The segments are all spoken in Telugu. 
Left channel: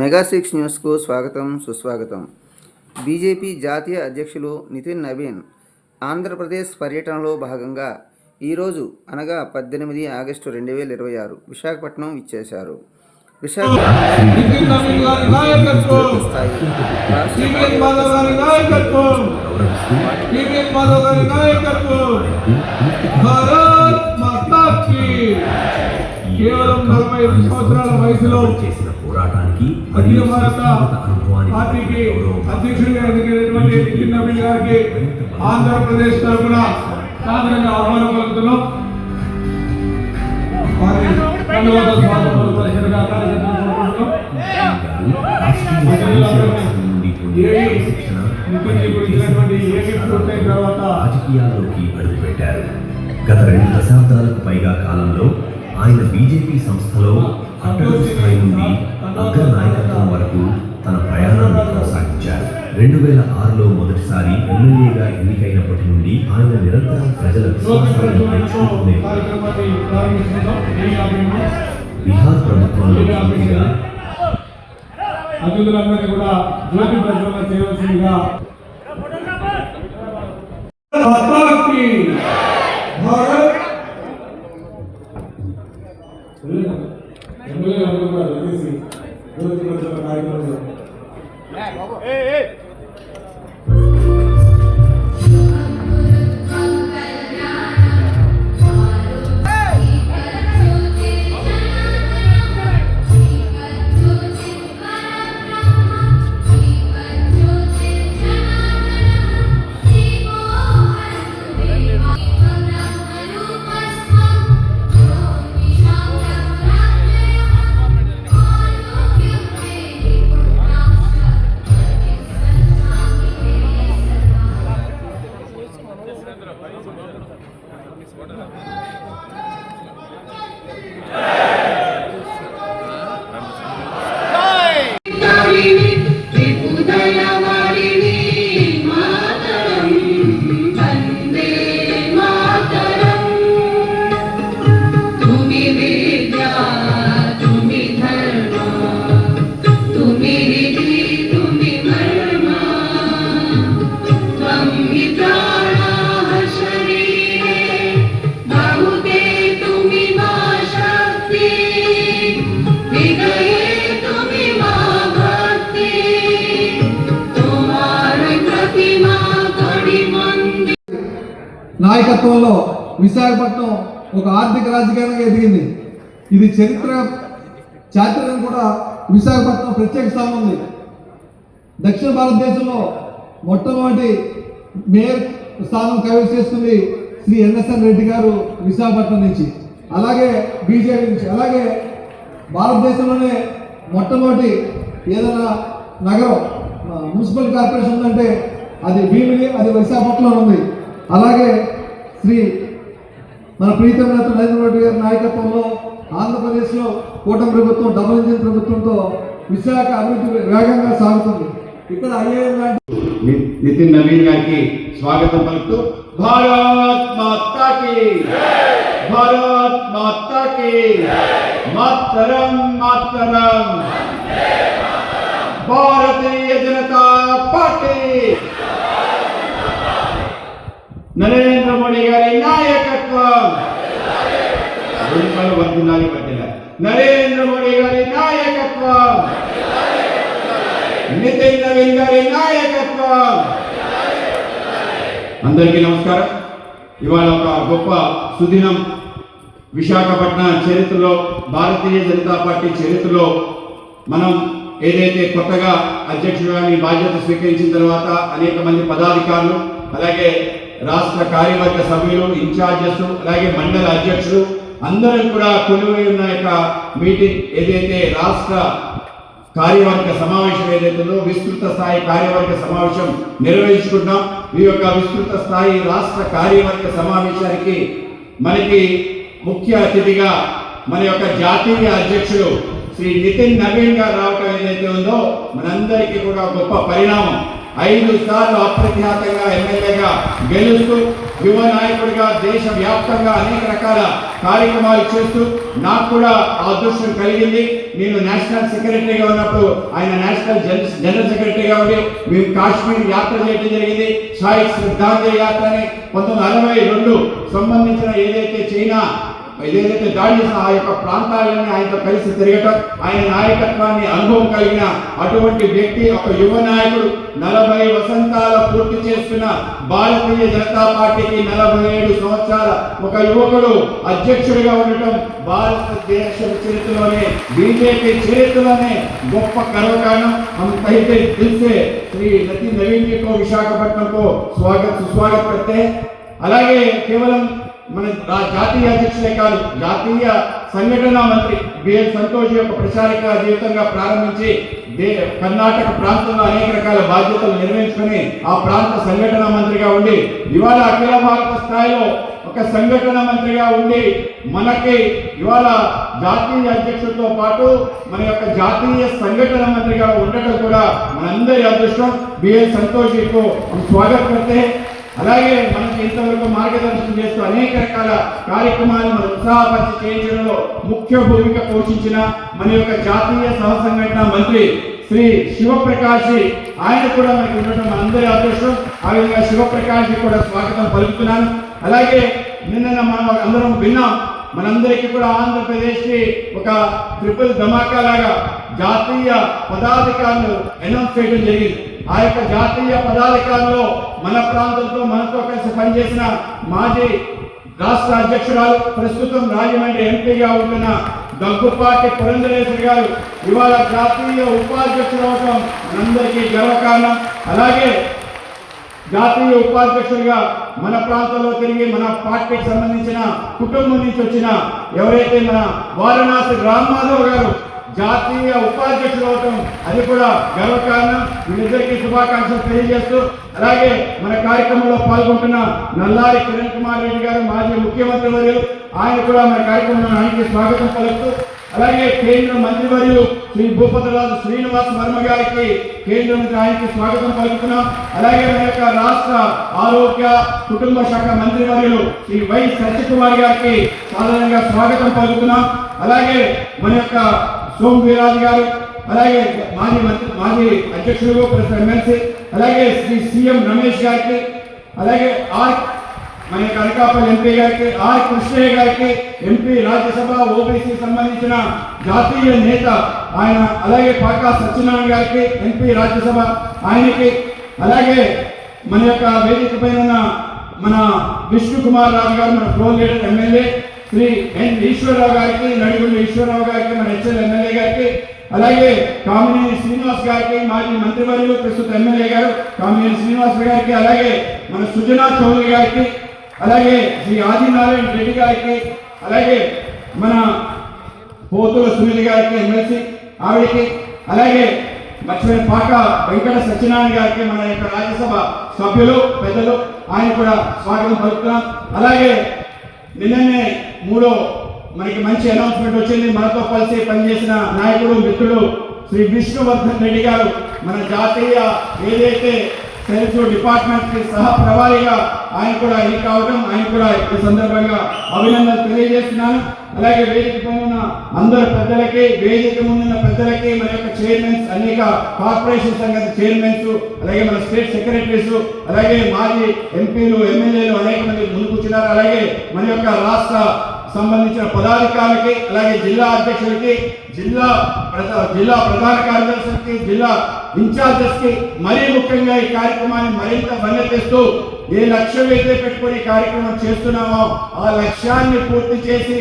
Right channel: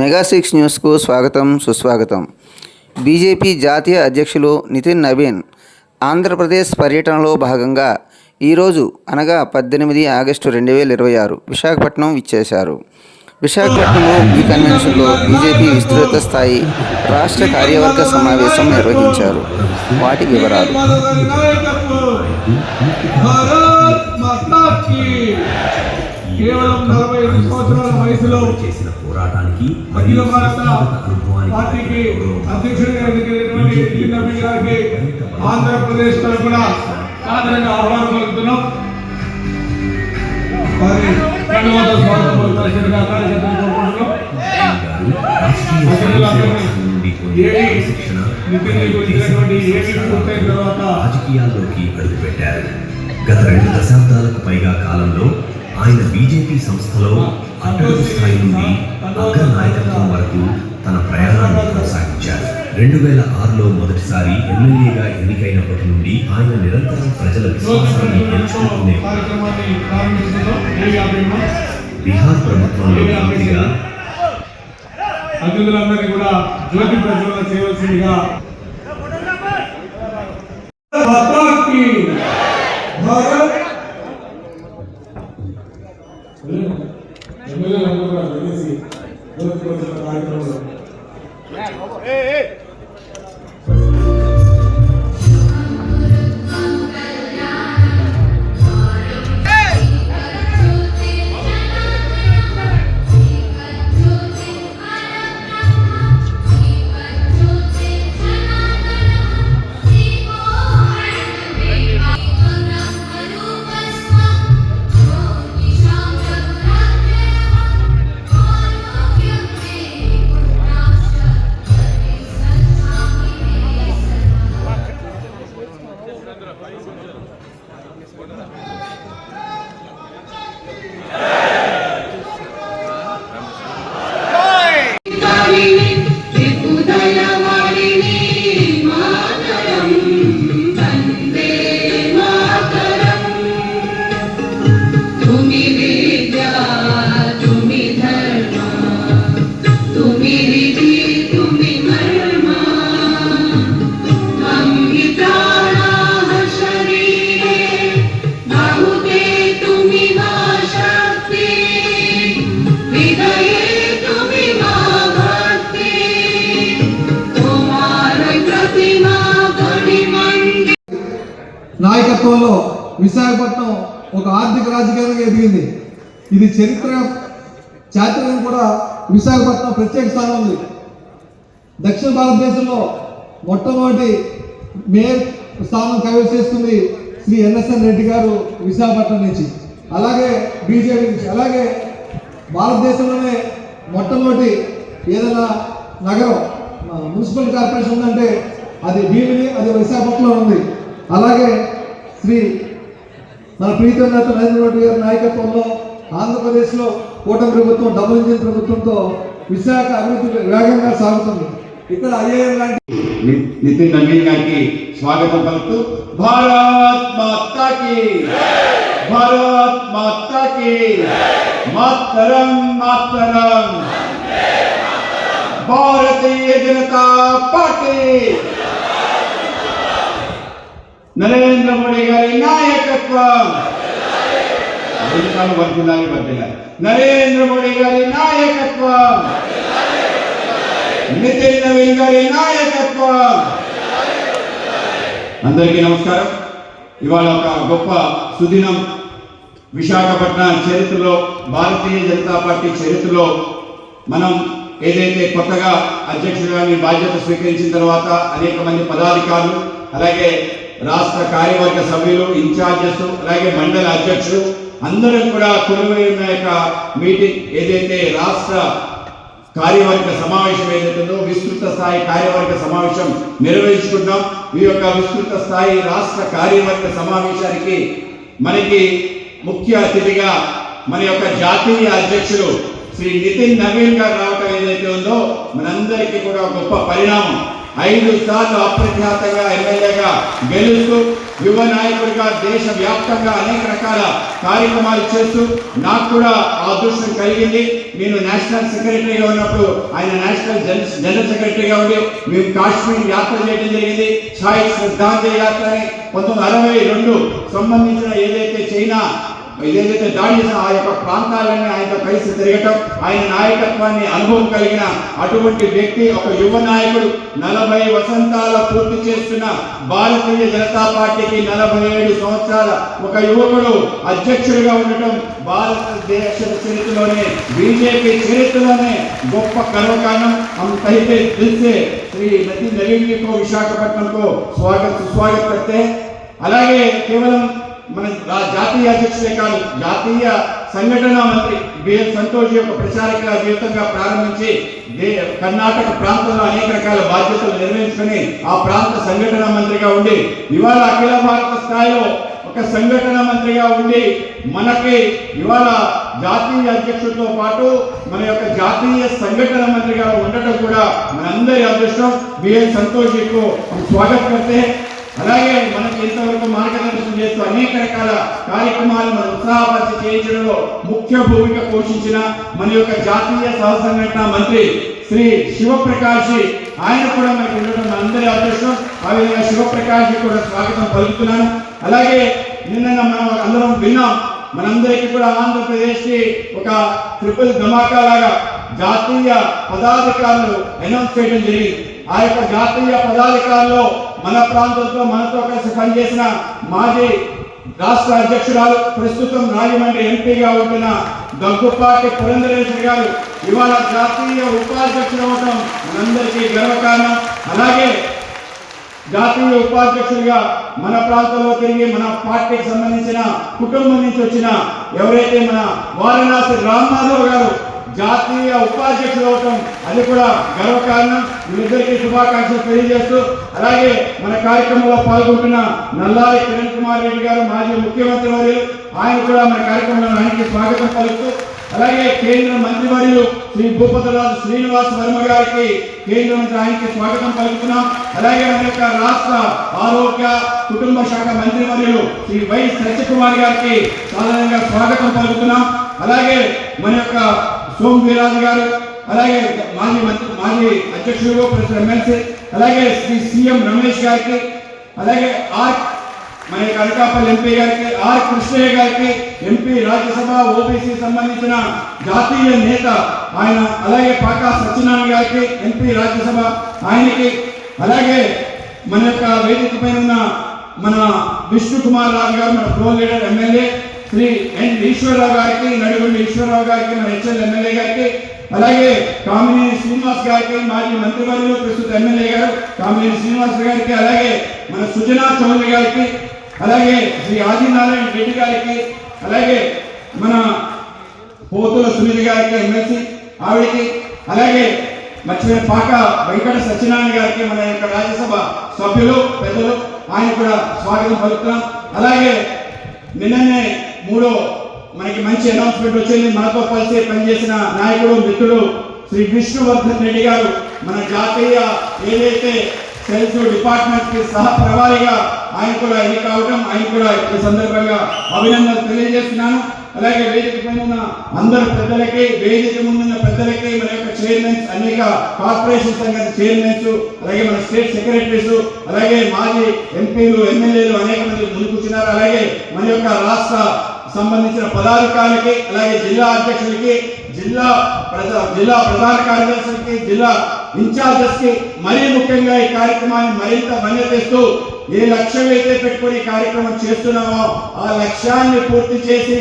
మెగా6 న్యూస్కు స్వాగతం సుస్వాగతం. బీజేపీ జాతీయ అధ్యక్షులు నితిన్ నవీన్ ఆంధ్రప్రదేశ్ పర్యటనలో భాగంగా ఈరోజు అనగా 18 ఆగస్టు 2026 విశాఖపట్నం విచ్చేశారు. విశాఖపట్నంలో ఈ కన్వెన్షన్లో బీజేపీ విస్తృత స్థాయి రాష్ట్ర కార్యవర్గ సమావేశం నిర్వహించారు. వాటి వివరాలు. కేవలం 45 సంవత్సరాల వయసులో చేసిన పోరాటానికి అఖిల భారత పార్టీకి అధ్యక్షుడిగా ఎన్నికైనటువంటి నితిన్ నవీన్ గారికి ఆంధ్రప్రదేశ్ తరఫున సాదరంగా ఆహ్వానం పలుకుతున్నాం. వారి ధన్యవాద స్వాగతం పలుకుతున్న రాజకీయాల్లోకి అడుగుపెట్టారు. గత 2 దశాబ్దాలకు పైగా కాలంలో ఆయన బీజేపీ సంస్థలో అట్టడుగు స్థాయి నుండి అగ్ర నాయకత్వం వరకు తన ప్రయాణాన్ని కొనసాగించారు. 2006లో మొదటిసారి ఎమ్మెల్యేగా ఎన్నికైనప్పటి నుండి ఆయన నిరంతరం ప్రజల విశ్వాసాన్ని గెలుచుకుంటూనే బీహార్ ప్రభుత్వంలో మంత్రిగా అతిథులందరినీ కూడా జ్యోతి ప్రజ్వలన చేయవలసిందిగా నాయకత్వంలో విశాఖపట్నం ఒక ఆర్థిక రాజకీయంగా ఎదిగింది. ఇది చరిత్ర చారిత్రకం కూడా విశాఖపట్నం ప్రత్యేక స్థానం ఉంది. దక్షిణ భారతదేశంలో మొట్టమొదటి మేయర్ స్థానం కైవసం చేసుకుంది శ్రీ ఎన్ఎస్ఎన్ రెడ్డి గారు విశాఖపట్నం నుంచి, అలాగే బీజేపీ నుంచి. అలాగే భారతదేశంలోనే మొట్టమొదటి ఏదైనా నగరం మున్సిపల్ కార్పొరేషన్ ఉందంటే అది భీమిని, అది విశాఖపట్నంలో ఉంది. అలాగే శ్రీ మన ప్రీతం నేత నరేంద్ర మోడీ గారి నాయకత్వంలో ఆంధ్రప్రదేశ్లో కూటమి ప్రభుత్వం డబుల్ ఇంజిన్ ప్రభుత్వంతో విశాఖ అభివృద్ధి వేగంగా సాగుతుంది. ఇక్కడ ఐఏఎం లాంటి నితిన్ నవీన్ గారికి స్వాగతం పలుకుతూ భారత్ మాతా కీ, భారత్ మాతా కీ, మాతరం మాతరం, భారతీయ జనతా పార్టీ, నరేంద్ర మోడీ గారి నాయకత్వం వర్ధిల్లాలి వర్ధిల్లాలి. నరేంద్ర మోడీ గారి నాయకత్వం, నితిన్ నవీన్ గారి నాయకత్వం. అందరికీ నమస్కారం. ఇవాళ ఒక గొప్ప సుదినం. విశాఖపట్నం చరిత్రలో, భారతీయ జనతా పార్టీ చరిత్రలో మనం ఏదైతే కొత్తగా అధ్యక్షుడిగా మీ బాధ్యత స్వీకరించిన తర్వాత అనేక మంది పదాధికారులు, అలాగే రాష్ట్ర కార్యవర్గ సభ్యులు, ఇన్ఛార్జెస్, అలాగే మండల అధ్యక్షులు అందరూ కూడా కొలువై ఉన్న యొక్క మీటింగ్ ఏదైతే రాష్ట్ర కార్యవర్గ సమావేశం ఏదైతుందో విస్తృత స్థాయి కార్యవర్గ సమావేశం నిర్వహించుకుంటాం. ఈ యొక్క విస్తృత స్థాయి రాష్ట్ర కార్యవర్గ సమావేశానికి మనకి ముఖ్య అతిథిగా మన యొక్క జాతీయ అధ్యక్షుడు శ్రీ నితిన్ నవీన్ గారు రావటం ఏదైతే ఉందో మనందరికీ కూడా గొప్ప పరిణామం. 5 సార్లు అప్రఖ్యాతంగా ఎమ్మెల్యేగా గెలుస్తూ యువ నాయకుడిగా దేశవ్యాప్తంగా అనేక రకాల కార్యక్రమాలు చేస్తూ నాకు కూడా ఆ అదృష్టం కలిగింది. నేను నేషనల్ సెక్రటరీగా ఉన్నప్పుడు ఆయన నేషనల్ జనరల్ సెక్రటరీగా ఉండి మేము కాశ్మీర్ యాత్ర చేయడం జరిగింది. సాయి శ్రద్ధాంజలి యాత్ర అని 1962 సంబంధించిన ఏదైతే దాడి చేసిన ఆ యొక్క ప్రాంతాలన్నీ ఆయనతో కలిసి తిరగటం, ఆయన నాయకత్వాన్ని అనుభవం కలిగిన అటువంటి వ్యక్తి, ఒక యువ నాయకుడు, 40 వసంతాల పూర్తి చేస్తున్న భారతీయ జనతా పార్టీకి 47 సంవత్సరాల ఒక యువకుడు అధ్యక్షుడిగా ఉండటం భారతదేశ చరిత్రలోనే, బీజేపీ చరిత్రలోనే గొప్ప గర్వకారణం. हम कहते दिल से श्री नितिन नवीन जी को विशाखापट्टनम को सुस्वागत करते हैं. అలాగే కేవలం మన జాతీయ అధ్యక్షులే కాదు, జాతీయ సంఘటన మంత్రి బిఎల్ సంతోష్ యొక్క ప్రచారక జీవితంగా ప్రారంభించి కర్ణాటక ప్రాంతంలో అనేక రకాల బాధ్యతలు నిర్వహించుకుని ఆ ప్రాంత సంఘటన మంత్రిగా ఉండి ఇవాళ అఖిల భారత స్థాయిలో ఒక సంఘటన మంత్రిగా ఉండి మనకి ఇవాళ జాతీయ అధ్యక్షుడితో పాటు మన యొక్క జాతీయ సంఘటన మంత్రిగా ఉండటం కూడా మనందరి అదృష్టం. బిఎల్ సంతోష్ కు స్వాగతం करते हैं. అలాగే మనకి ఇంతవరకు మార్గదర్శనం చేస్తూ అనేక రకాల కార్యక్రమాలు మన ఉత్సాహపరిచి చేయించడంలో ముఖ్య భూమిక పోషించిన మన యొక్క జాతీయ సహ సంఘటన మంత్రి శ్రీ శివప్రకాష్, ఆయన కూడా మనకి ఉండడం మనందరి అదృష్టం. ఆ విధంగా శివప్రకాష్ కూడా స్వాగతం పలుకుతున్నాను. అలాగే నిన్న మనం అందరం విన్నాం, మనందరికీ కూడా ఆంధ్రప్రదేశ్ కి ఒక ట్రిపుల్ ధమాకా లాగా జాతీయ పదాధికారులు అనౌన్స్ చేయడం జరిగింది. ఆ యొక్క జాతీయ పదాధికారుల్లో మన ప్రాంతంలో మనతో కలిసి పనిచేసిన మాజీ రాష్ట్ర అధ్యక్షురాలు, ప్రస్తుతం రాజమండ్రి ఎంపీగా ఉంటున్న దగ్గుపాటి పురంధరేశ్వరి గారు ఇవాళ జాతీయ ఉపాధ్యక్షుడు అవడం మనందరికీ గర్వకారణం. అలాగే జాతీయ ఉపాధ్యక్షుడిగా మన ప్రాంతంలో తిరిగి మన పార్టీకి సంబంధించిన కుటుంబం నుంచి వచ్చిన ఎవరైతే మన వారణాసి రామ్మాధవ్ గారు జాతీయ ఉపాధ్యక్షుడు అవటం అది కూడా గర్వకారణం. వీళ్ళిద్దరికీ శుభాకాంక్షలు తెలియజేస్తూ అలాగే మన కార్యక్రమంలో పాల్గొంటున్న నల్లారి కిరణ్ కుమార్ రెడ్డి గారు మాజీ ముఖ్యమంత్రి వర్యులు, ఆయన కూడా మన కార్యక్రమంలో ఆయనకి స్వాగతం పలుకుతూ అలాగే కేంద్ర మంత్రివర్యులు శ్రీ భూపతిరాజు శ్రీనివాస్ వర్మ గారికి కేంద్ర మంత్రి ఆయనకి స్వాగతం పలుకుతున్నాం. అలాగే మన యొక్క రాష్ట్ర ఆరోగ్య కుటుంబ శాఖ మంత్రివర్యులు శ్రీ వై సత్యకుమార్ గారికి సాధారణంగా స్వాగతం పలుకుతున్నాం. అలాగే మన యొక్క సోమ్ వీరాజు గారు, అలాగే మాజీ అధ్యక్షుడు ప్రెసిడెంట్ ఎమ్మెల్సీ, అలాగే శ్రీ సీఎం రమేష్ గారికి, అలాగే మన అనకాపల్లి ఎంపీ గారికి, కృష్ణయ్య గారికి, ఎంపీ రాజ్యసభ ఓబీసీ సంబంధించిన జాతీయ నేత ఆయన, అలాగే పాకా సత్యనారాయణ గారికి ఎంపీ రాజ్యసభ ఆయనకి, అలాగే మన యొక్క వేదిక పైన ఉన్న మన విష్ణు కుమార్ రాజు గారు మన ఫ్లోర్ లీడర్ ఎమ్మెల్యే, శ్రీ ఎన్ ఈశ్వరరావు గారికి, నడుగుండి ఈశ్వరరావు గారికి, మన హెచ్ఎల్ ఎమ్మెల్యే గారికి, అలాగే కామినేని శ్రీనివాస్ గారికి మాజీ మంత్రివర్యులు ప్రస్తుత ఎమ్మెల్యే గారు కామినేని శ్రీనివాస్ గారికి, అలాగే మన సుజనా చౌదరి గారికి, అలాగే శ్రీ ఆదినారాయణ రెడ్డి గారికి, అలాగే మన పోతుల సునీల్ గారికి ఎమ్మెల్సీ ఆవిడకి, అలాగే మర్చిపోయిన పాక వెంకట సత్యనారాయణ గారికి మన యొక్క రాజ్యసభ సభ్యులు పెద్దలు ఆయన కూడా స్వాగతం పలుకుతున్నాం. అలాగే నిన్ననే మనకి మంచి అనౌన్స్మెంట్ వచ్చింది. మనతో కలిసి పనిచేసిన నాయకుడు మిత్రుడు శ్రీ విష్ణువర్ధన్ రెడ్డి గారు మన జాతీయ ఏదైతే సెల్ఫ్ డిపార్ట్మెంట్ కి సహ ప్రవారిగా ఆయన కూడా ఎన్నిక కావడం, ఆయన కూడా ఈ సందర్భంగా అభినందనలు తెలియజేస్తున్నాను. అలాగే వేదిక పైన ఉన్న అందరు పెద్దలకి, వేదిక ముందున్న పెద్దలకి, మన యొక్క చైర్మన్స్, అనేక కార్పొరేషన్ సంఘ చైర్మన్స్, అలాగే మన స్టేట్ సెక్రటరీస్, అలాగే మాజీ ఎంపీలు ఎమ్మెల్యేలు అనేక మంది ముందు కూర్చున్నారు. అలాగే మన యొక్క రాష్ట్ర సంబంధించిన పదాధికారులకి, అలాగే జిల్లా అధ్యక్షులకి, జిల్లా ప్రధాన కార్యదర్శులకి, జిల్లా ఇన్ఛార్జెస్ కి, మరీ ముఖ్యంగా ఈ కార్యక్రమాన్ని మరింత ధన్యతిస్తూ ఏ లక్ష్యం అయితే పెట్టుకుని కార్యక్రమం చేస్తున్నామో ఆ లక్ష్యాన్ని పూర్తి చేసి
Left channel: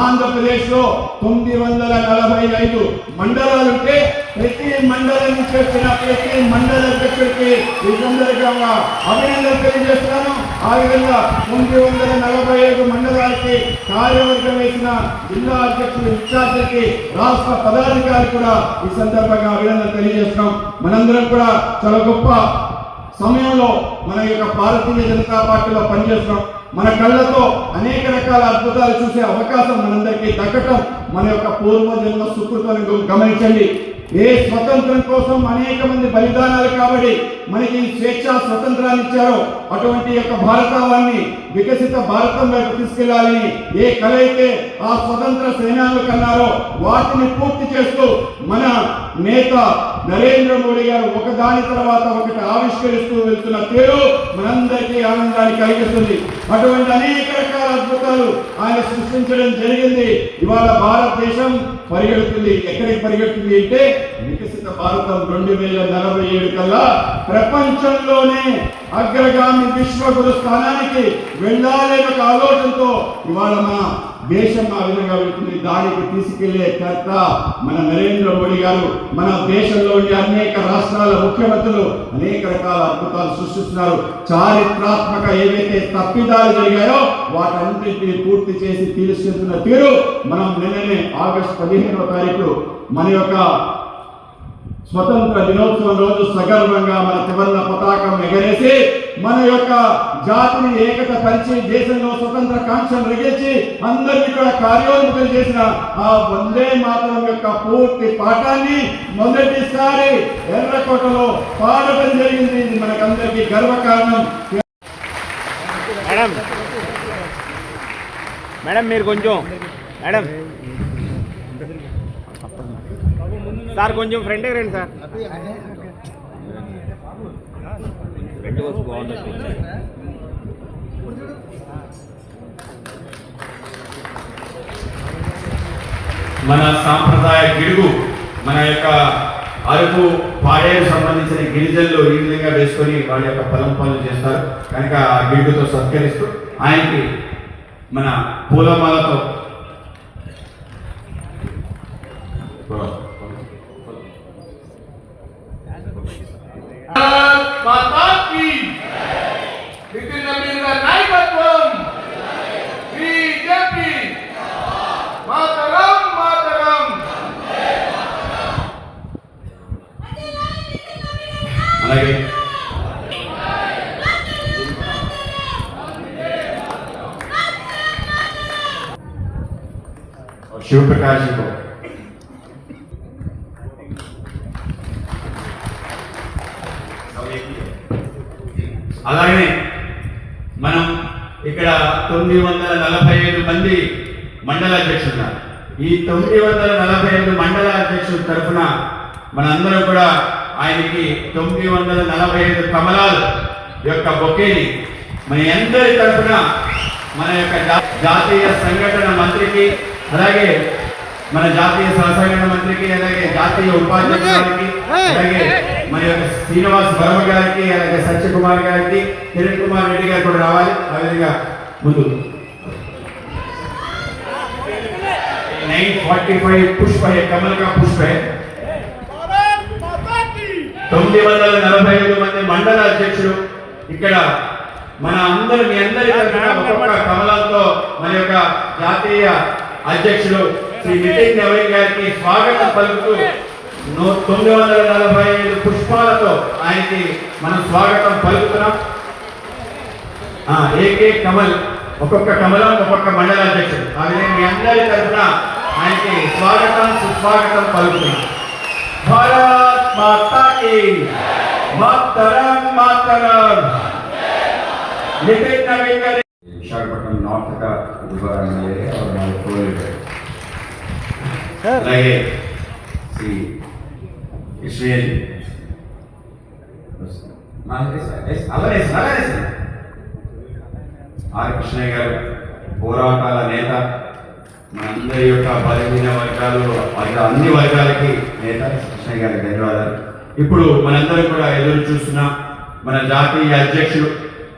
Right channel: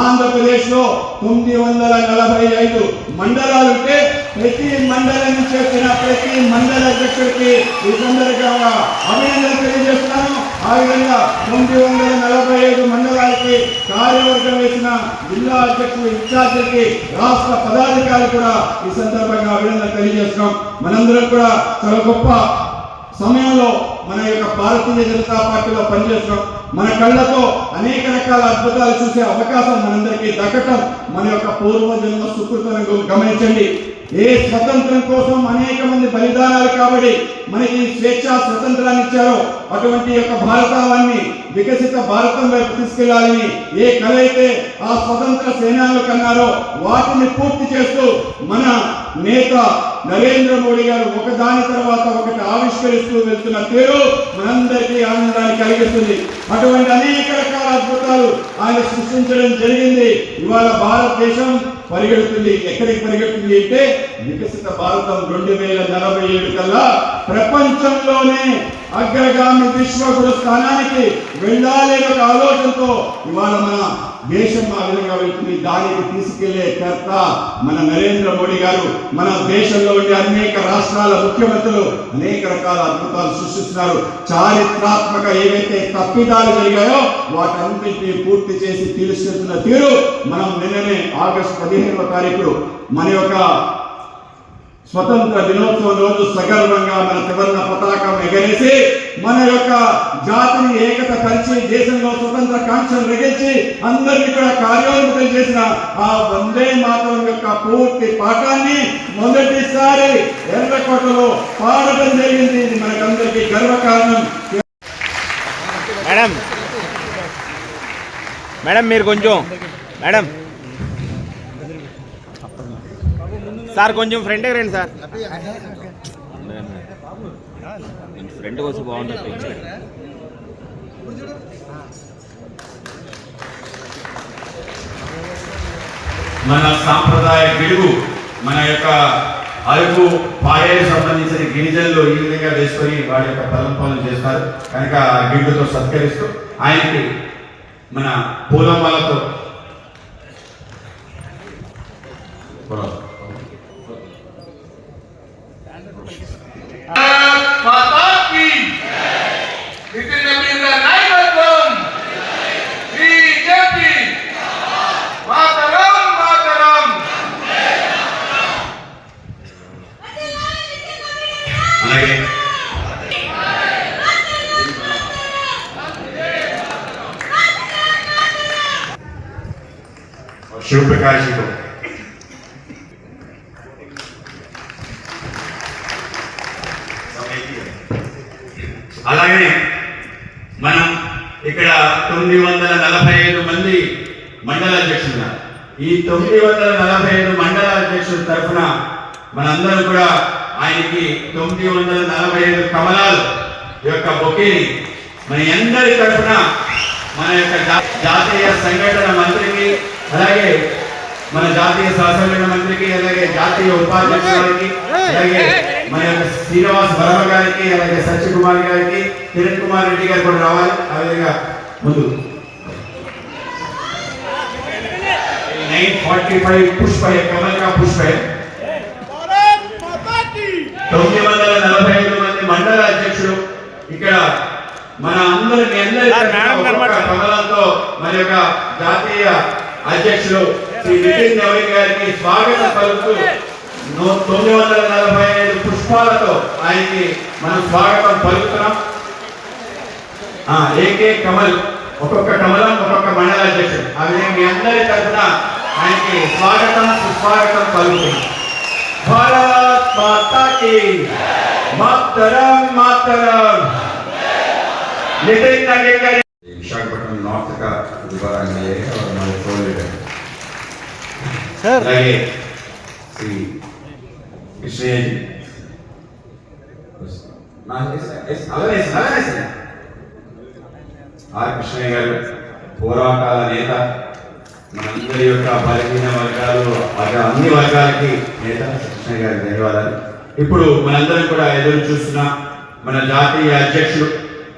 ఆంధ్రప్రదేశ్ లో 945 మండలాలుంటే ప్రతి మండలం నుంచి వచ్చిన ప్రతి మండల అధ్యక్షుడికి ఈ సందర్భంగా అభినందనలు తెలియజేస్తున్నాను. ఆ విధంగా 945 మండలాలకి కార్యవర్గం వేసిన జిల్లా అధ్యక్షులు, ఇన్ఛార్జీలకి, రాష్ట్ర పదాధికారులు కూడా ఈ సందర్భంగా అభినందనలు తెలియజేస్తున్నాం. మనందరం కూడా చాలా గొప్ప సమయంలో మన యొక్క భారతీయ జనతా పార్టీలో పనిచేస్తున్నాం. మన కళ్ళతో అనేక రకాల అద్భుతాలు చూసే అవకాశం మనందరికీ దక్కటం మన యొక్క పూర్వజన్మ సుకృతాన్ని గమనించండి. ఏ స్వతంత్రం కోసం అనేక మంది బలిదానాలు కాబట్టి మనకి స్వేచ్ఛ స్వతంత్రాన్ని ఇచ్చారో అటువంటి యొక్క భారతాన్ని వికసిత భారతం వైపు తీసుకెళ్లాలని ఏ కళ అయితే ఆ స్వతంత్ర సేనాలు కన్నారో వాటిని పూర్తి చేస్తూ మన నేత నరేంద్ర మోడీ గారు ఒకదాని తర్వాత ఒకటి ఆవిష్కరిస్తూ వెళ్తున్న తీరు మనందరికీ ఆనందాన్ని కలిగిస్తుంది. అటువంటి అనేక రకాల అద్భుతాలు ఆయన సృష్టించడం జరిగింది. ఇవాళ భారతదేశం పరిగెడుతుంది. ఎక్కడికి పరిగెడుతుంది అంటే వికసిత భారతం 2047 కల్లా ప్రపంచంలోనే అగ్రగామి విశ్వగురు స్థానానికి వెళ్ళాలనే ఒక ఆలోచనతో ఇవాళ మన దేశం ఆ విధంగా వెళ్తుంది. దానికి తీసుకెళ్లే కర్త మన నరేంద్ర మోడీ గారు. మన దేశంలో ఉండే అనేక రాష్ట్రాల ముఖ్యమంత్రులు అనేక రకాల అద్భుతాలు సృష్టిస్తున్నారు. చారిత్రాత్మక ఏవైతే తప్పిదాలు జరిగాయో వాటన్నింటినీ పూర్తి చేసి తీసుకెళ్తున్న తీరు మనం నిన్ననే ఆగస్టు 15వ తారీఖు మన యొక్క స్వతంత్ర దినోత్సవం రోజు సగర్వంగా మన త్రివర్ణ పతాకం ఎగరేసి మన యొక్క జాతిని ఏకత పరిచి దేశంలో స్వతంత్ర కాంక్షను రగిల్చి అందరినీ కూడా కార్యోన్ముఖం చేసిన ఆ వందే మాతరం యొక్క పూర్తి పాఠాన్ని మొదటిసారి ఎర్రకోటలో పాడడం జరిగింది. ఇది మనకందరికీ గర్వకారణం. మేడం మీరు కొంచెం మేడం సార్ కొంచెం ఫ్రంట్ రండి సార్. ఫ్రంట్ వచ్చి బాగుంది. మన సాంప్రదాయ గిడుగు మన యొక్క అరకు పాడేకి సంబంధించిన గిరిజనులు ఈ విధంగా వేసుకొని వాడి యొక్క పరంపాలన చేస్తారు కనుక ఆ గిడుగుతో సత్కరిస్తూ ఆయనకి మన పూలమాలతో నితిన్ నవీన్ నాయకత్వం బీజేపీ మాతరం మాతరం. అలాగే శివప్రకాష్ గారు అలాగే మనం ఇక్కడ 945 మంది మండల అధ్యక్షులు ఉన్నారు. ఈ 945 మండల అధ్యక్షుల తరఫున మనందరం కూడా ఆయనకి 945 కమలాలు యొక్క బొకేని మన అందరి తరఫున మన యొక్క జాతీయ సంఘటన మంత్రికి అలాగే మన జాతీయ సహసంఘటన మంత్రికి అలాగే జాతీయ ఉపాధ్యక్షులకి అలాగే మన యొక్క శ్రీనివాస్ వర్మ గారికి అలాగే సత్యకుమార్ గారికి కిరణ్ కుమార్ రెడ్డి గారు కూడా రావాలి. ఆ విధంగా ముందు 945 పుష్ప కమల్ కా పుష్ప 945 మంది మండల అధ్యక్షులు ఇక్కడ మన అందరి ఒక్కొక్క కమలంతో మన యొక్క జాతీయ అధ్యక్షులు శ్రీ నితిన్ నవీన్ గారికి స్వాగతం పలుకుతూ 945 పుష్పాలతో ఆయనకి మనం స్వాగతం పలుకుతున్నాం. ఏకే కమల్ ఒక్కొక్క కమలం ఒక్కొక్క మండల అధ్యక్షుడు ఆ విధంగా మీ అందరి తరఫున ఆయనకి స్వాగతం సుస్వాగతం పలుకుతున్నాం. భారత్ మాతా కీ మాతరం మాతరం. నితిన్ నవీన్ గారి विशाखापट्टनम नॉर्थ का गुरुद्वारा में है और हमारे कोयल है అలాగే श्री कृष्ण जी आर कृष्ण गाరు పోరాటాల నేత మనందరి యొక్క బలహీన వర్గాలు అన్ని వర్గాలకి నేత కృష్ణ గారికి ధన్యవాదాలు. ఇప్పుడు మనందరం కూడా ఎదురు చూస్తున్న మన జాతీయ అధ్యక్షుడు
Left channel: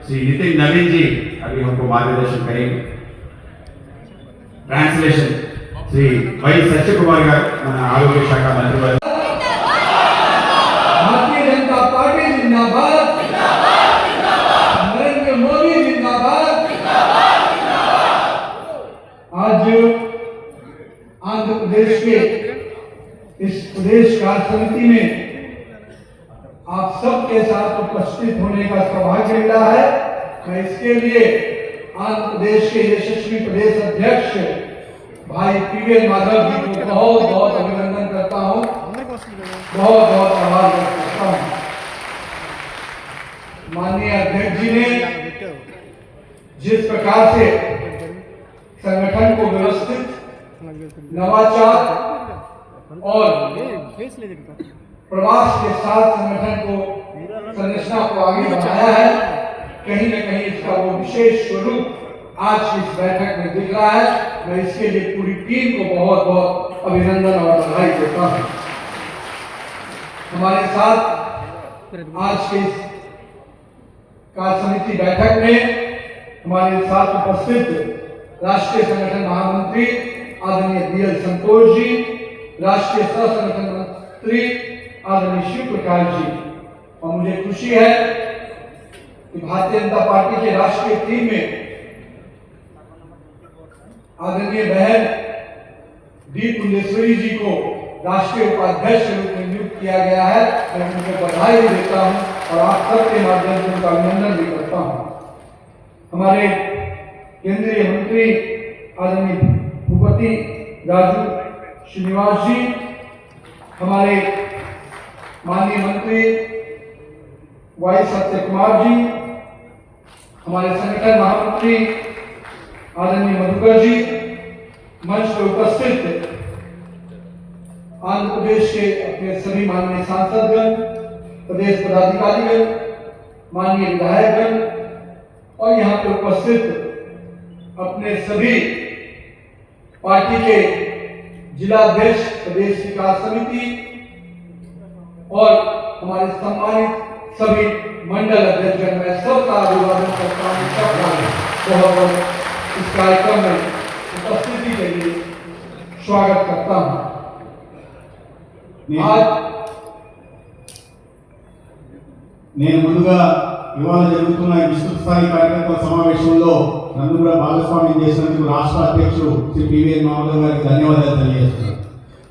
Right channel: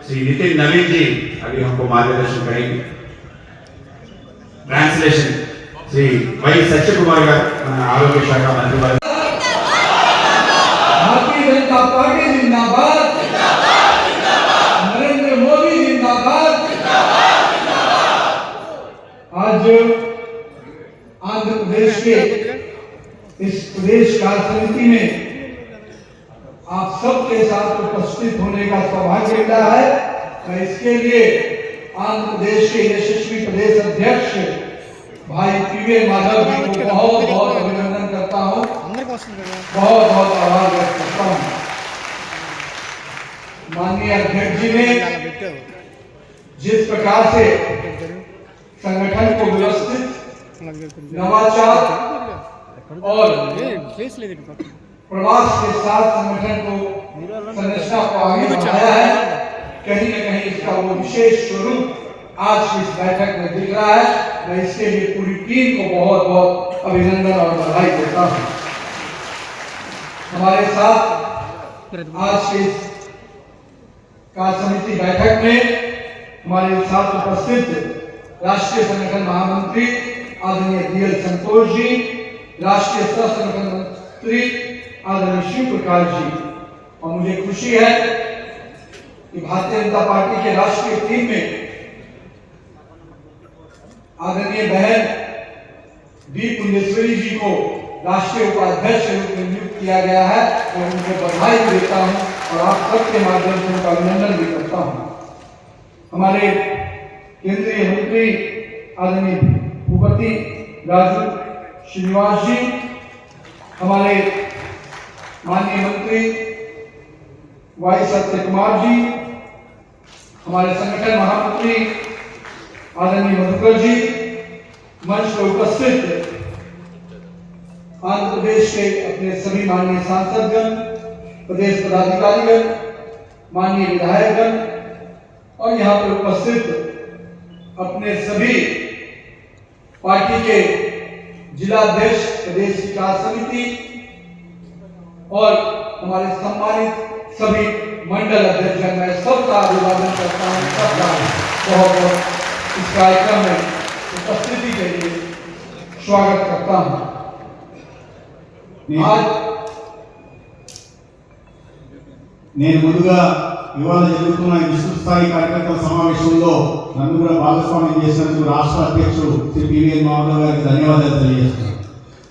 श्री नितिन नवीन जी अभी हमको मार्गदर्शन करेंगे. ट्रांसलेशन श्री वाई सच्चे कुमार गाరు మన ఆరోగ్య శాఖ మంత్రి వారు. भारतीय जनता पार्टी जिंदाबाद, नरेंद्र मोदी जिंदाबाद. आज आंध्र प्रदेश के इस प्रदेश कार्य समिति में आप सबके साथ उपस्थित होने का सौभाग्य मिला है. मैं इसके लिए आंध्र प्रदेश के यशस्वी प्रदेश अध्यक्ष भाई पीवे माधव जी को बहुत बहुत अभिनंदन करता हूँ. बहुत बहुत आभार व्यक्त करता हूँ। माननीय अध्यक्ष जी ने जिस प्रकार से संगठन को व्यवस्थित, नवाचार और प्रवास के साथ संगठन को संरचना को आगे बढ़ाया है, कहीं न कहीं इसका वो विशेष स्वरूप आज की इस बैठक में दिख रहा है। मैं इसके लिए पूरी टीम को बहुत बहुत अभिनंदन और बधाई देता हूँ। हमारे साथ आज के इस कार्य समिति बैठक में हमारे साथ उपस्थित राष्ट्रीय संगठन महामंत्री आदरणीय DL संतोष जी, राष्ट्रीय सह संगठन मंत्री आदरणीय शिव प्रकाश जी, और मुझे खुशी है कि भारतीय जनता पार्टी के राष्ट्रीय टीम में आदरणीय बहन डी पुंडेश्वरी जी को राष्ट्रीय उपाध्यक्ष के रूप में नियुक्त किया गया है। मैं उनको बधाई देता हूं और आप सबके माध्यम से उनका अभिनंदन भी करता हूं। हमारे केंद्रीय मंत्री आदरणीय भूपति राजू श्रीनिवास जी, हमारे माननीय मंत्री वाई सत्य कुमार जी, हमारे संगठन महामंत्री आदरणीय मधुकर जी, मंच पर उपस्थित आंध्र प्रदेश के अपने सभी माननीय सांसदगण, प्रदेश पदाधिकारीगण, माननीय विधायकगण और यहाँ पर उपस्थित अपने सभी पार्टी के जिलाध्यक्ष, प्रदेश विकास समिति और हमारे सम्मानित सभी मंडल अध्यक्षगण, मैं सबका अभिवादन करता हूँ। सबका बहुत बहुत इस कार्यक्रम में उपस्थिति के लिए स्वागत करता हूँ। నేను ముందుగా ఇవాళ జరుగుతున్న విస్తృత స్థాయి కార్యకర్తల సమావేశంలో నన్ను కూడా భాగస్వామ్యం చేసినందుకు రాష్ట్ర అధ్యక్షుడు శ్రీ పివిఎన్ మాధవ్ గారికి ధన్యవాదాలు తెలియజేస్తున్నాను.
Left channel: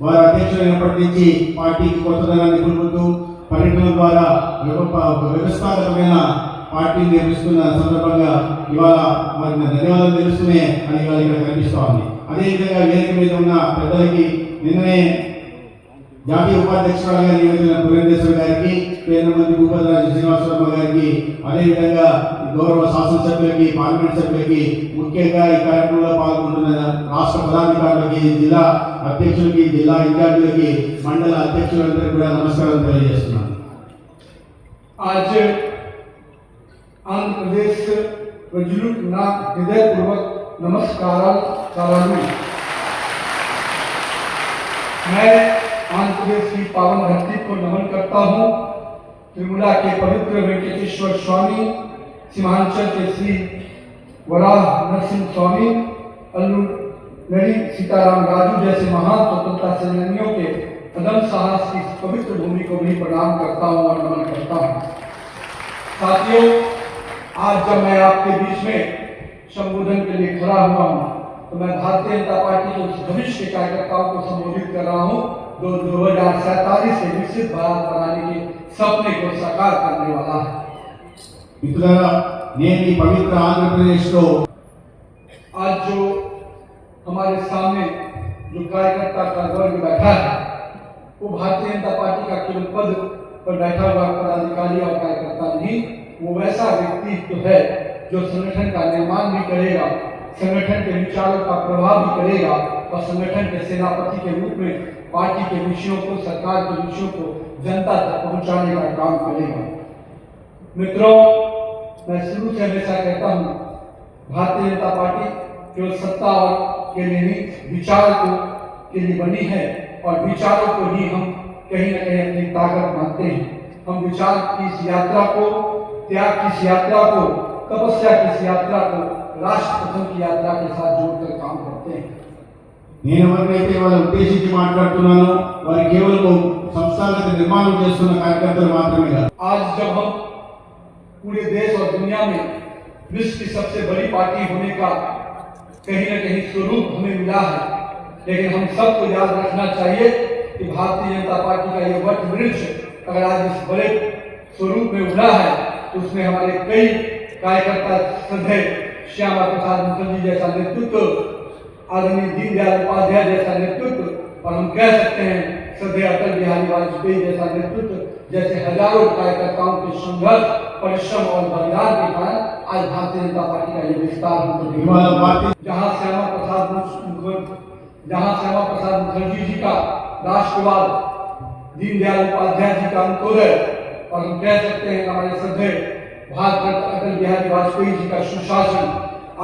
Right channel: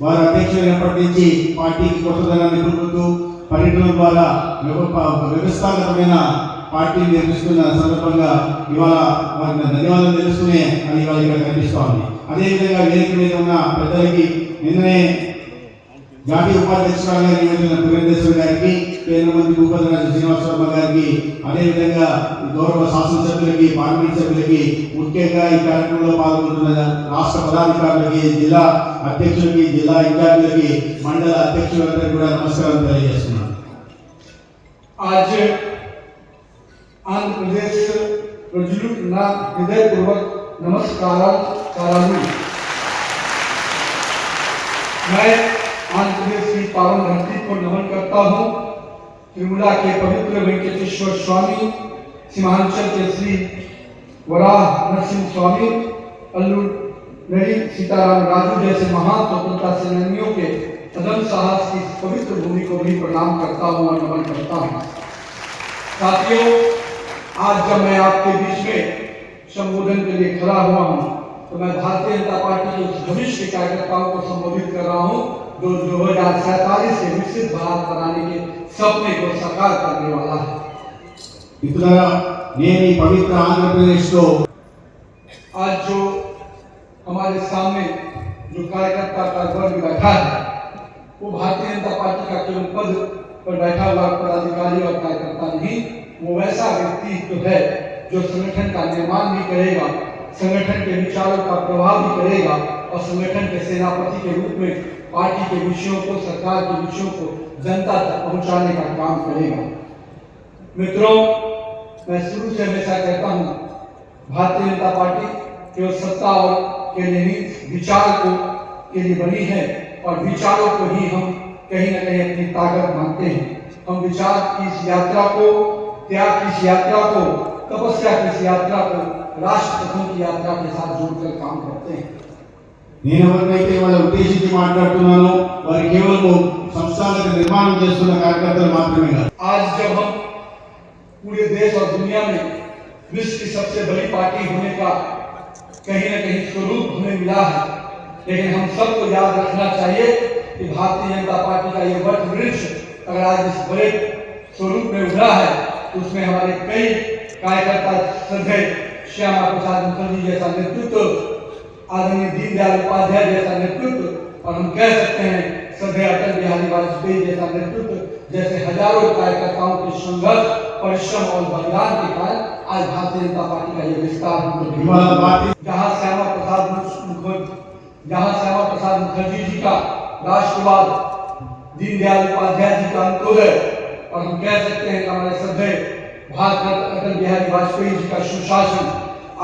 వారి అధ్యక్షులైనప్పటి నుంచి పార్టీకి కొత్తదనాన్ని నిలుపుతూ పర్యటన ద్వారా వ్యవస్థాగతమైన పార్టీని నిర్మిస్తున్న సందర్భంగా ఇవాళ వారికి ధన్యవాదాలు తెలుస్తూనే అని ఇవాళ ఇక్కడ కనిపిస్తూ ఉంది. అదేవిధంగా వేదిక మీద ఉన్న పెద్దలకి నిన్ననే జాతీయ ఉపాధ్యక్షురాలుగా నియమితున్న పురేంద్రేశ్వర గారికి, కేంద్ర మంత్రి భూపతి రాజు శ్రీనివాసరావు గారికి, అదేవిధంగా గౌరవ శాసనసభ్యులకి, పార్లమెంట్ సభ్యులకి, ముఖ్యంగా ఈ కార్యక్రమంలో పాల్గొంటున్న రాష్ట్ర పదాధికారులకి, జిల్లా అధ్యక్షులకి, జిల్లా ఇన్ఛార్జీలకి, మండల అధ్యక్షులందరికీ కూడా నమస్కారం తెలియజేస్తున్నాను. आज आंध्र प्रदेश प्रजुलुक ना हृदय पूर्वक नमस्कार करालू। मैं आंध्र प्रदेश की पावन धरती को नमन करता हूँ। त्रिपुरा के पवित्र वेंकटेश्वर स्वामी, सीमांचल के श्री वराह नरसिंह स्वामी, अल्लूर नरी सीताराम राजू जैसे महान स्वतंत्रता सेनानियों के कदम साहस की पवित्र भूमि को भी प्रणाम करता हूँ और नमन करता हूँ। साथियों, आज जब मैं आपके बीच में संबोधन के लिए खड़ा हुआ हूँ तो मैं भारतीय जनता पार्टी के भविष्य के कार्यकर्ताओं को संबोधित कर रहा हूँ जो 2047 से विकसित भारत बनाने के सपने को साकार करने वाला है। మిత్రులారా, నేను ఈ పవిత్ర ఆంధ్రప్రదేశ్లో आज जो हमारे सामने जो कार्यकर्ता का वर्ग बैठा है वो भारतीय जनता पार्टी का केवल पद पर बैठा हुआ पदाधिकारी और कार्यकर्ता नहीं, वो वैसा व्यक्तित्व है जो संगठन का निर्माण भी करेगा, संगठन के विचारों का प्रभाव भी करेगा और संगठन के सेनापति के रूप में पार्टी के विषयों को, सरकार के विषयों को जनता तक पहुंचाने का काम करेगा। मित्रों, मैं शुरू से हमेशा कहता हूं, भारतीय जनता पार्टी केवल सत्ता और के लिए नहीं, विचार को के लिए बनी है और विचारों को ही हम कहीं न कहीं अपनी ताकत मानते हैं। हम विचार की इस यात्रा को, त्याग की इस यात्रा को, तपस्या की इस यात्रा को राष्ट्र प्रथम की यात्रा के साथ जोड़कर काम करते हैं। నేను ఎవరినైతే వాళ్ళ ఉద్దేశించి మాట్లాడుతున్నానో వారు కేవలం సంస్థాగత నిర్మాణం చేస్తున్న కార్యకర్తలు మాత్రమే కాదు. आज जब हम पूरे देश और दुनिया में विश्व की सबसे बड़ी पार्टी होने का कहीं न कहीं स्वरूप हमें मिला है, लेकिन हम सबको याद रखना चाहिए कि भारतीय जनता पार्टी का ये वट वृक्ष अगर आज इस बड़े स्वरूप में उभरा है तो उसमें हमारे कई कार्यकर्ता, श्रद्धेय श्यामा प्रसाद मुखर्जी जैसा नेतृत्व, आदरणीय दीनदयाल उपाध्याय जैसा नेतृत्व, और हम कह सकते हैं श्रद्धेय अटल बिहारी वाजपेयी जैसा नेतृत्व, जैसे हजारों कार्यकर्ताओं के संघर्ष, परिश्रम और बलिदान के कारण आज भारतीय जनता पार्टी का ये विस्तार जहाँ श्यामा प्रसाद मुखर्जी जी का राष्ट्रवाद, दीनदयाल उपाध्याय जी का अंत्योदय, और हम कह सकते हैं हमारे श्रद्धेय भारत रत्न अटल बिहारी वाजपेयी जी का सुशासन,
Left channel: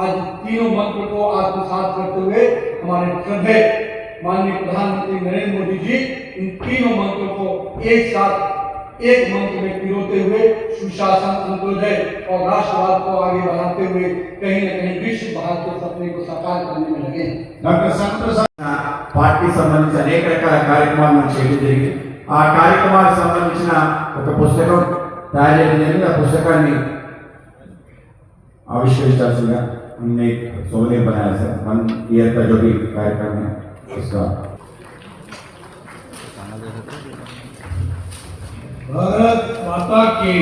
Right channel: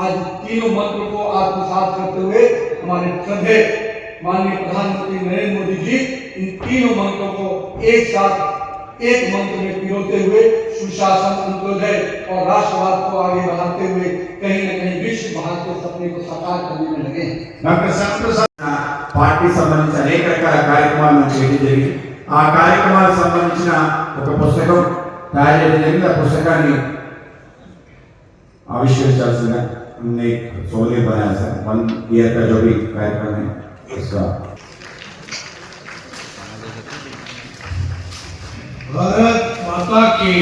आज तीनों मंत्र को आत्मसात करते हुए हमारे श्रद्धेय माननीय प्रधानमंत्री नरेंद्र मोदी जी इन तीनों मंत्रों को एक साथ एक मंत्र में पिरोते हुए सुशासन, अंत्योदय और राष्ट्रवाद को आगे बढ़ाते हुए कहीं न कहीं विश्व भारत के सपने को साकार करने में लगे। డాక్టర్ శంకర్ పార్టీ సంబంధించిన అనేక రకాల కార్యక్రమాలు మనం చేయడం జరిగింది. ఆ కార్యక్రమాలకు సంబంధించిన ఒక పుస్తకం తయారు చేయడం జరిగింది. ఆ పుస్తకాన్ని आविष्करिंचाल्सिंदिगा हमने 16 बनाया था 1 ईयर का जो भी कार्यक्रम है उसका। भारत माता की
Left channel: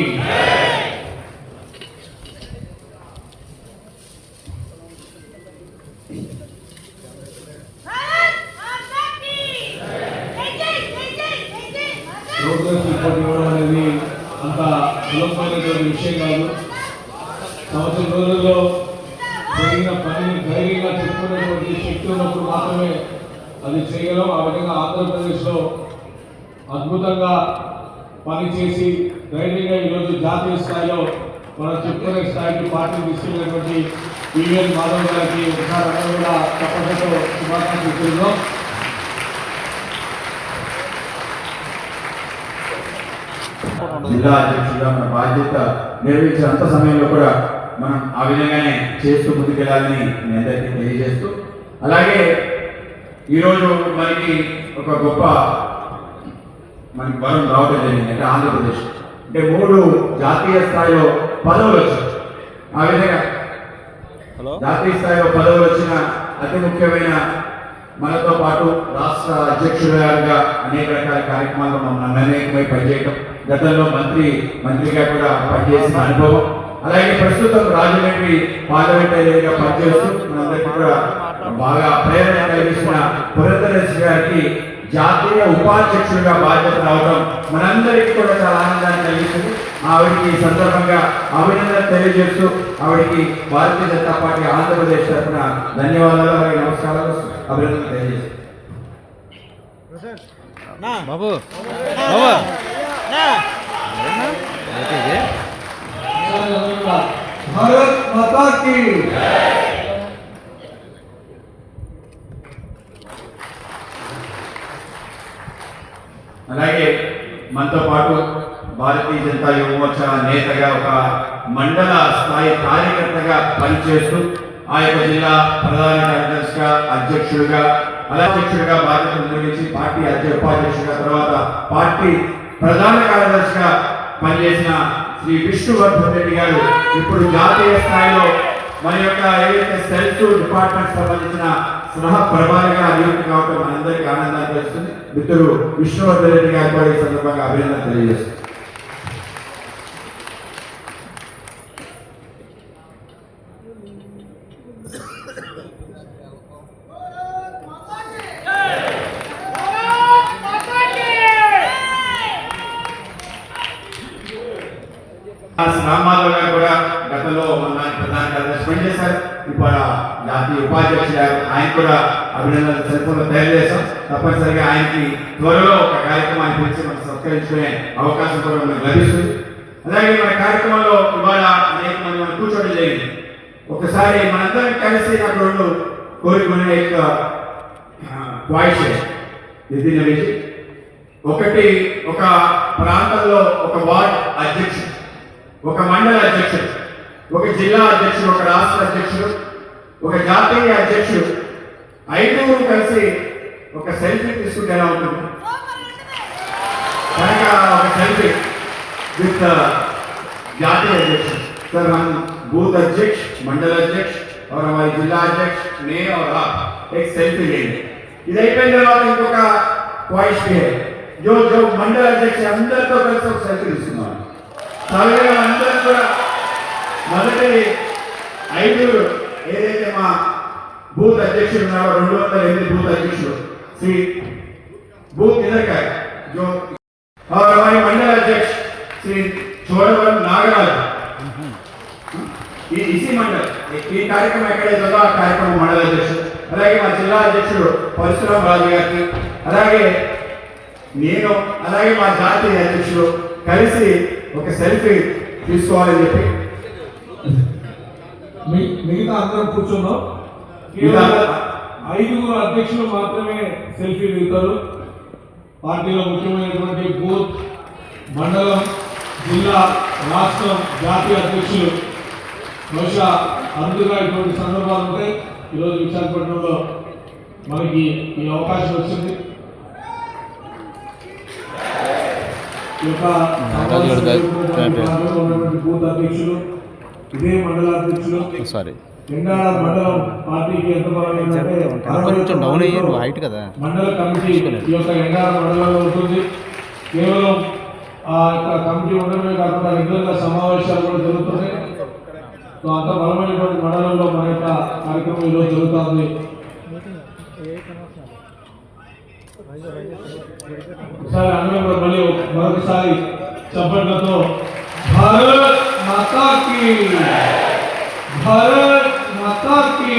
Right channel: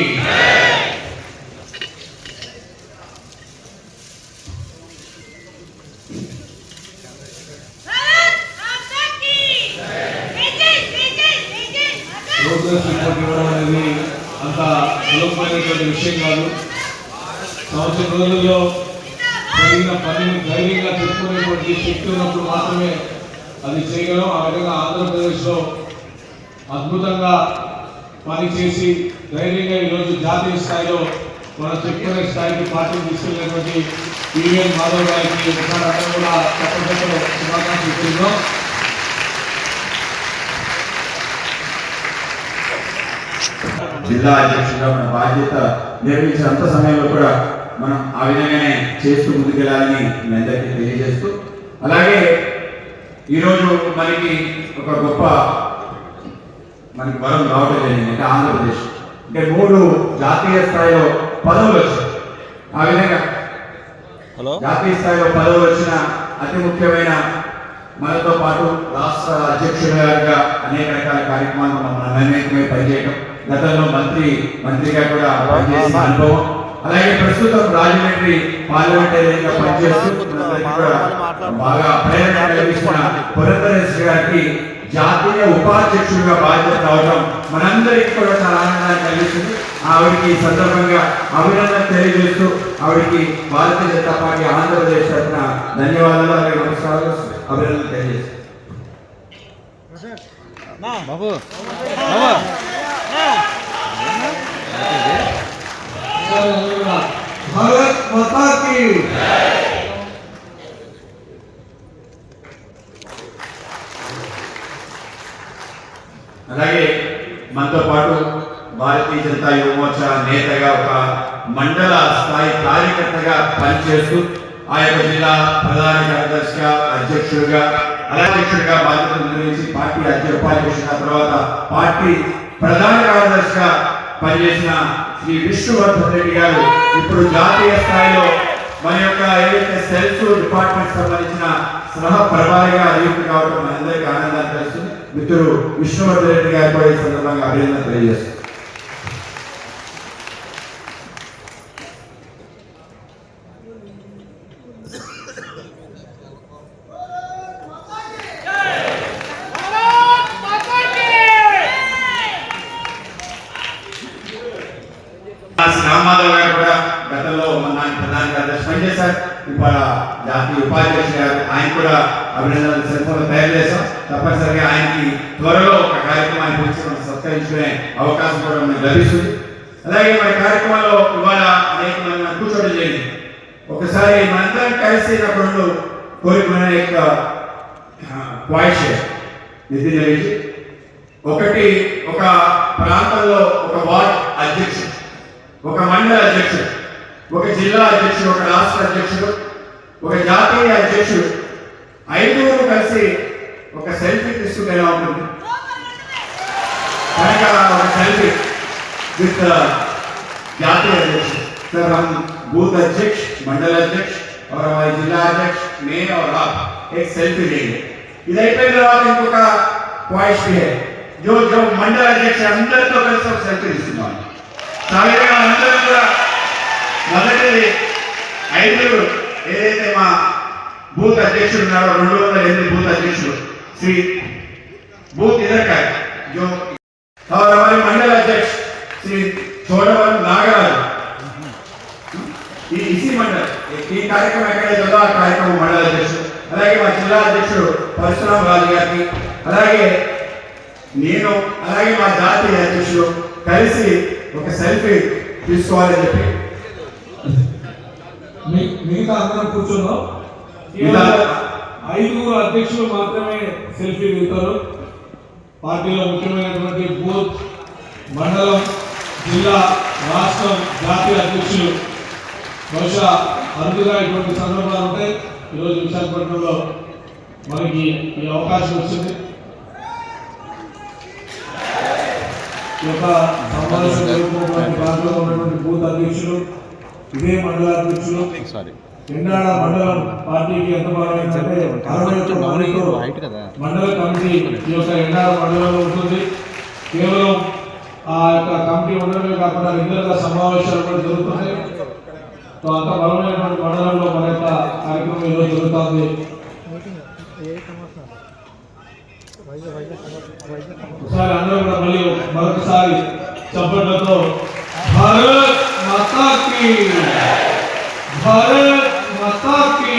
అంత సులభమైనటువంటి విషయం కాదు. సంవత్సరం రోజుల్లో జరిగిన పనులు ధైర్యంగా చెప్పుకునేటువంటి శక్తి ఉన్నప్పుడు మాత్రమే అది చేయగలం. ఆ విధంగా ఆంధ్రప్రదేశ్లో అద్భుతంగా పనిచేసి ధైర్యంగా ఈరోజు జాతీయ స్థాయిలో మన చెప్పుకునే స్థాయికి పార్టీ తీసుకెళ్ళినటువంటి పివిఎన్ మాధవ్ గారికి ఒకసారి కూడా తప్పకుండా శుభాకాంక్షలు చెప్తున్నాం. జిల్లా అధ్యక్షుడిగా మన బాధ్యత నిర్వహించినంత సమయంలో కూడా మనం ఆ విధంగానే చేస్తూ ముందుకెళ్ళాలని మీ అందరికీ తెలియజేస్తూ, అలాగే ఈరోజు మనకి ఒక గొప్ప వరం రావడం జరిగింది. అంటే ఆంధ్రప్రదేశ్ అంటే 3 జాతీయ స్థాయిలో పదవులు వచ్చాయి. ఆ విధంగా జాతీయ స్థాయిలో పదవులు వచ్చిన అతి ముఖ్యమైన మనతో పాటు రాష్ట్ర అధ్యక్షుడిగా అనేక రకాల కార్యక్రమాలు మనం అనేకమై పనిచేయడం, గతంలో మంత్రిగా కూడా పనిచేసిన అనుభవం, అలాగే ప్రస్తుతం రాజమండ్రి పార్లమెంటరీగా పనిచేస్తూ మనందరికీ కూడా బాగా ప్రేరణ కలిగిస్తున్న పురంధరేశ్వరి గారికి జాతీయ ఉపాధ్యక్షుడిగా బాధ్యత రావడం మనందరికీ కూడా చాలా ఆనందాన్ని కలిగిస్తుంది. ఆవిడికి ఈ సందర్భంగా అభినందన తెలియజేస్తూ ఆవిడికి భారతీయ జనతా పార్టీ ఆంధ్రప్రదేశ్ తరఫున ధన్యవాదాలు, అలాగే నమస్కారాలు, అభినందన తెలియజేస్తాను. भारत माता की అలాగే మనతో పాటు భారతీయ జనతా యువ మోర్చా నేతగా ఒక మండల స్థాయి కార్యకర్తగా పనిచేస్తూ ఆ యొక్క జిల్లా ప్రధాన కార్యదర్శిగా అధ్యక్షుడిగా అధ్యక్షుడిగా బాధ్యతలు నిర్వహించి పార్టీ ఉపాధ్యక్షుడిగా తర్వాత పార్టీ ప్రధాన కార్యదర్శిగా పనిచేసిన శ్రీ విష్ణువర్ధన్ రెడ్డి గారు ఇప్పుడు జాతీయ స్థాయిలో మన యొక్క ఏదైతే సెల్ఫ్ డిపార్ట్మెంట్ సంబంధించిన సహ ప్రభావిగా నియుక్తి కావడం మనందరికీ ఆనందాన్ని కలిగిస్తుంది. మిత్రుడు విష్ణువర్ధన్ రెడ్డి గారు కూడా ఈ సందర్భంగా అభినందన తెలియజేస్తుంది. రామారావు గారు కూడా గతంలో మన ప్రధాన కార్యదర్శి పనిచేశారు. ఇప్పుడు జాతీయ ఉపాధ్యక్షుడు ఆయన కూడా అభినందనలు సెల్ఫోన్లో తయారు చేశాం. తప్పనిసరిగా ఆయనకి త్వరలో ఒక కార్యక్రమాన్ని పిలిచి మనం సత్కరించుకునే అవకాశం కూడా మనకు లభిస్తుంది. అలాగే మన కార్యక్రమంలో ఇవాళ అనేక మంది మనం కూర్చోవడం జరిగింది. ఒకసారి మనందరం కలిసి నాకు కోరిక మన యొక్క వాయిస్ ఒకటి ఒక ప్రాంతంలో ఒక వార్డ్ అధ్యక్షుడు, ఒక మండల అధ్యక్షుడు, ఒక జిల్లా అధ్యక్షుడు, ఒక రాష్ట్ర అధ్యక్షుడు, ఒక జాతీయ అధ్యక్షుడు 5 కలిసి ఒక సెల్ఫీ తీసుకుంటే ఎలా ఉంటుంది? కనుక ఒక సెల్ఫీ విత్ జాతీయ అధ్యక్షుడు सर, हम बूथ अध्यक्ष, मंडल अध्यक्ष और हमारे जिला अध्यक्ष, मैं और आप एक सेल्फी लेंगे. इधर पे जवाब इनको का ख्वाहिश भी है जो मंडल अध्यक्ष अंदर तो कल सब सेल्फी తీసుకున్నాం. సాగరే అందరూ కూడా మొదటి 5 ఏదైతే మా బూత్ అధ్యక్షుడు ఉన్నారో 208 బూత్ అధ్యక్షుడు శ్రీ बूथ इधर का है जो, और हमारे मंडल अध्यक्ष श्री छोड़वर नागराज इसी मंडल ఈ కార్యక్రమం ఎక్కడైతే ఉందో ఆ కార్యక్రమం మండల అధ్యక్షుడు, అలాగే మా జిల్లా అధ్యక్షుడు పరశురామ రాజు గారికి, అలాగే నేను, అలాగే మా జాతీయ అధ్యక్షుడు కలిసి ఒక సెల్ఫీ తీసుకోవాలని చెప్పి మిగతా అందరం కూర్చున్నాం. 5 అధ్యక్షులు మాత్రమే సెల్ఫీ దిగుతారు. పార్టీలో ముఖ్యమైనటువంటి బూత్, మండలం, జిల్లా, రాష్ట్రం, జాతీయ అధ్యక్షులు బహుశా అరుదుగా ఇటువంటి సందర్భాలు ఉంటాయి. ఈరోజు విశాఖపట్నంలో మనకి ఈ అవకాశం వచ్చింది. ఈ యొక్క ఉన్నటువంటి బూత్ అధ్యక్షులు, ఇదే మండల అధ్యక్షులు, ఎండాడ మండలం పార్టీకి ఎంత మండల కమిటీ ఈ యొక్క ఎండాడ మండలంలో ఉంటుంది. కేవలం ఆ యొక్క కమిటీ ఉండడమే కాకుండా రెగ్యులర్గా సమావేశాలు కూడా జరుగుతున్నాయి. అంత బలమైనటువంటి మండలంలో మన యొక్క కార్యక్రమం ఈరోజు జరుగుతుంది. ఒకసారి అందరూ కూడా మళ్ళీ మరొకసారి చప్పట్లతో భారత్ మాతా కీ, భారత్ మాతా కీ.